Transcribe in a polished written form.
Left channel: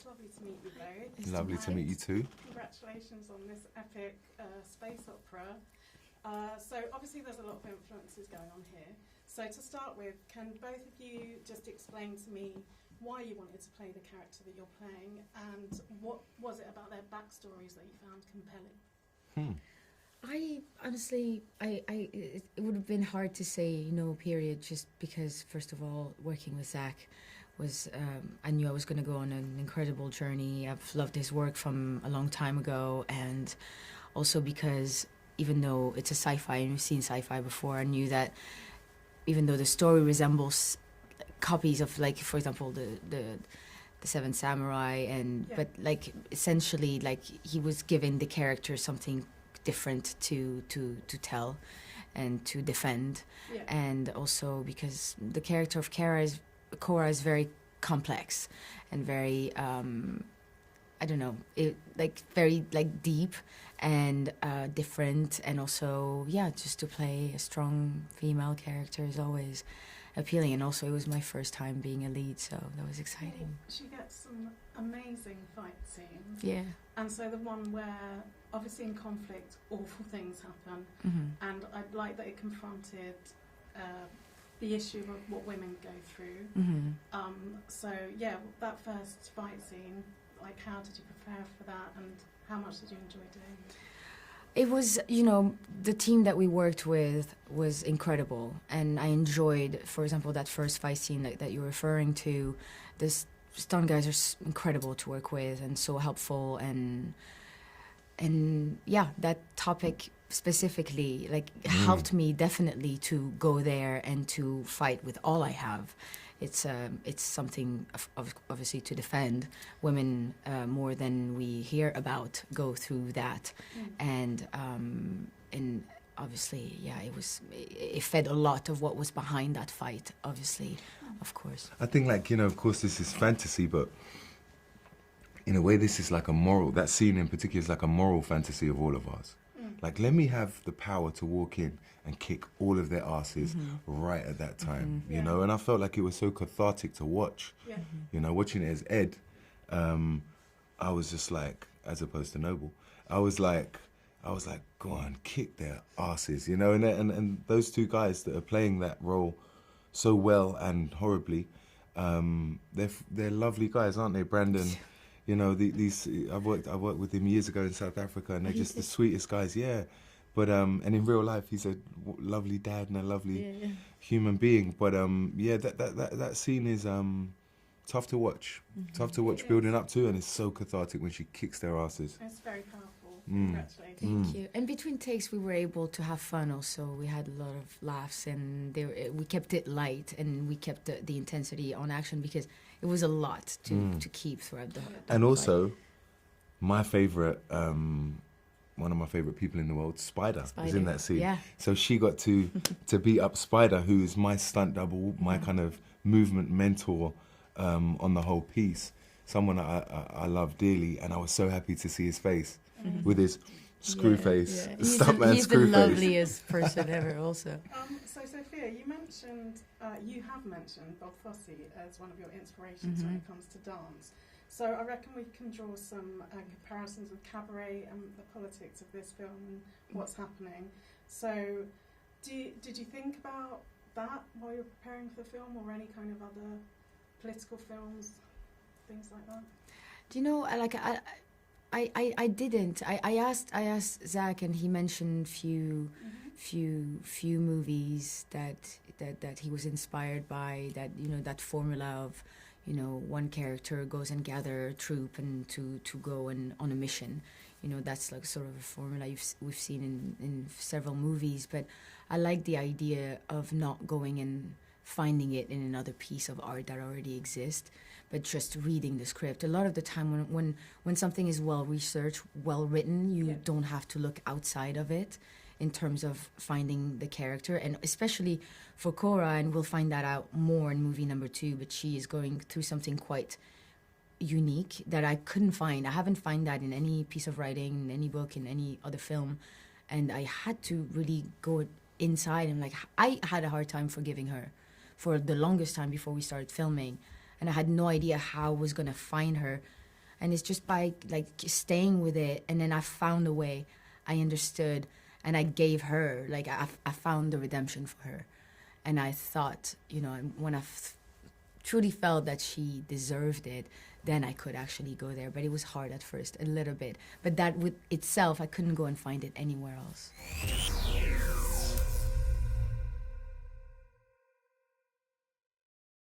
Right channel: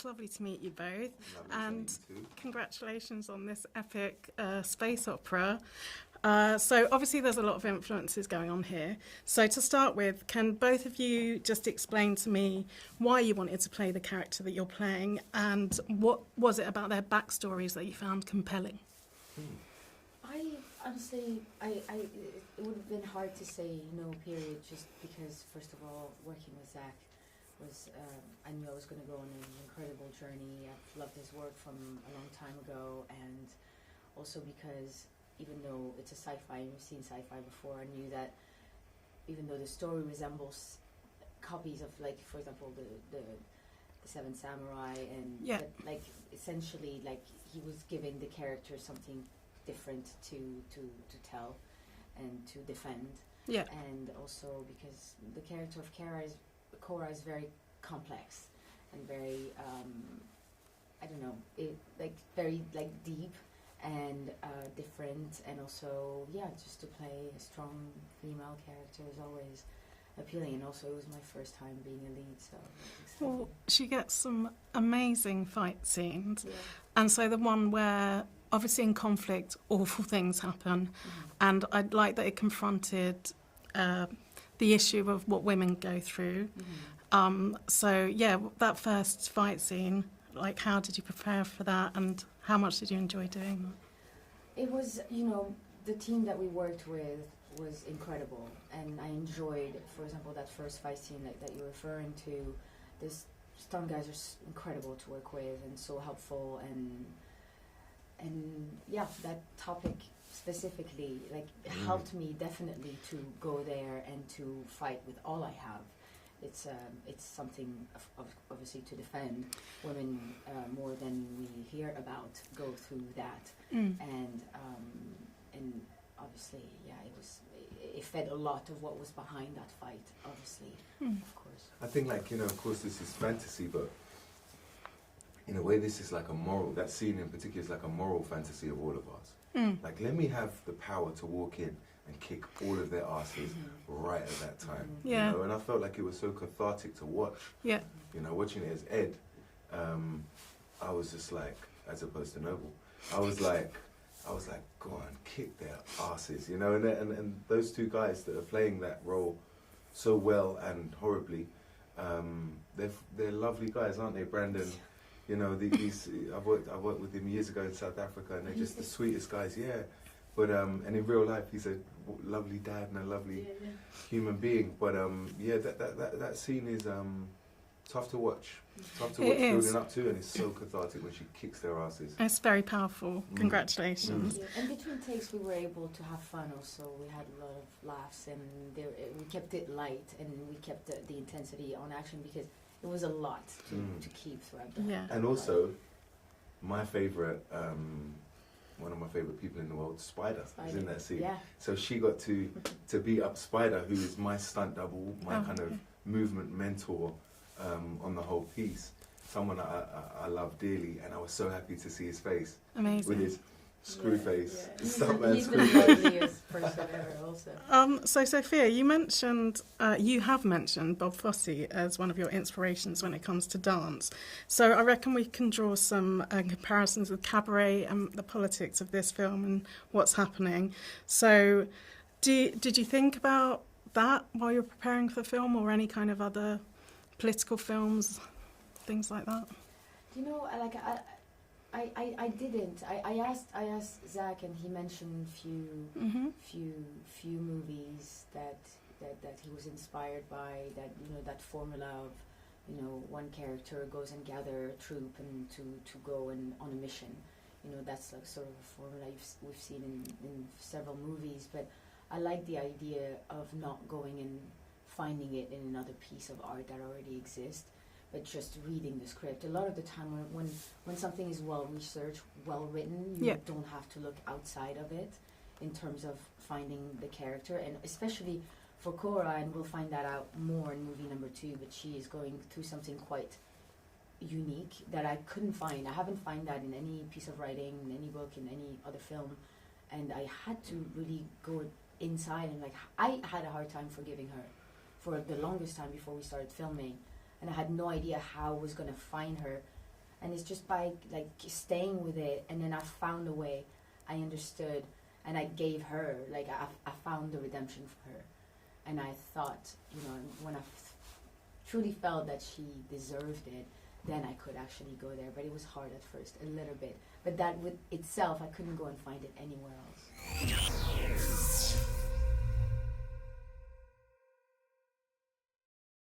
it's lovely to meet you both. Lovely to meet you too. Congratulations on this epic space opera. So obviously there's a lot of influences going on here. So to start with, can both of you just explain to me why you wanted to play the character that you're playing, and what was it about their backstories that you found compelling? I honestly, it would have been hard to say no, period, just because, first of all, working with Zach was, I knew I was going to go on an incredible journey. I've loved his work from a long time ago, and also because even though it's a sci-fi and we've seen sci-fi before, I knew that even though the story resembles copies of, like, for example, the Seven Samurai, and but like essentially, like, he was giving the character something different to tell and to defend. And also because the character of Korra is very complex and very I don't know, very like deep and different, and also just to play a strong female character is always appealing. And also it was my first time being a lead, so that was exciting. Well, she gets some amazing fight scenes, and so the one where obviously in conflict awful things happen, and I'd like that it confronted the issue of what women go through. So that first fight scene, like, how did you prepare for that, and how much did you enjoy doing that? It was, the team that we worked with was incredible, and I enjoyed, for example, that first fight scene that you're referring to. The stunt guys are incredible to work with and so helpful, and that topic specifically, like, helped me definitely to go there and to fight with all I have. It's something obviously to defend. Women more than we hear about go through that, and obviously, it fed a lot of what was behind that fight. Obviously, of course. I think, like, of course, this is fantasy, but in a way, this is like a moral. That scene in particular is like a moral fantasy of all of us. Like, let me have the power to walk in and kick all of their asses right at that time, you know. And I felt like it was so cathartic to watch. Watching it as Ed, I was just like, as opposed to Noble, I was like, go on, kick their asses, And those two guys that are playing that role so well and horribly, they're lovely guys, aren't they, Brandon? These I've worked with him years ago in South Africa, and they're just the sweetest guys, But and in real life, he's a lovely dad and a lovely human being. But that scene is tough to watch. Tough to watch building up to, and it's so cathartic when she kicks their asses. It's very powerful. Congratulations. Thank you. And between takes, we were able to have fun also. We had a lot of laughs, and we kept it light, and we kept the intensity on action, because it was a lot to keep throughout the And also, my favourite, one of my favourite people in the world, Spider, was in that scene. So she got to beat up Spider, who is my stunt double, my kind of movement mentor on the whole piece. Someone I love dearly, and I was so happy to see his face. Amazing. With his screw face, stuntman he's screw the face. loveliest person ever also. So Sophia, you have mentioned Bob Fosse as one of your inspirations when it comes to dance. So I reckon we can draw some comparisons with Cabaret and the politics of this film and what's happening. So did you think about that while you're preparing for the film, or any kind of other political films, things like that? Do you know, I didn't. I asked Zach, and he mentioned few movies that he was inspired by. That, that formula of, one character goes and gather a troop and to go on a mission. That's like sort of a formula we've seen in several movies. But I like the idea of not going and finding it in another piece of art that already exists, but just reading the script. A lot of the time when something is well researched, well written, you don't have to look outside of it in terms of finding the character. And especially for Korra, and we'll find that out more in movie number 2, but she is going through something quite unique that I couldn't find. I haven't found that in any piece of writing, in any book, in any other film. And I had to really go inside, and I had a hard time forgiving her for the longest time before we started filming. And I had no idea how I was going to find her And it's just by like staying with it, and then I found a way. I understood, and I gave her, like I found the redemption for her. And I thought, you know, when I truly felt that she deserved it, then I could actually go there. But it was hard at first, a little bit. But that with itself, I couldn't go and find it anywhere else.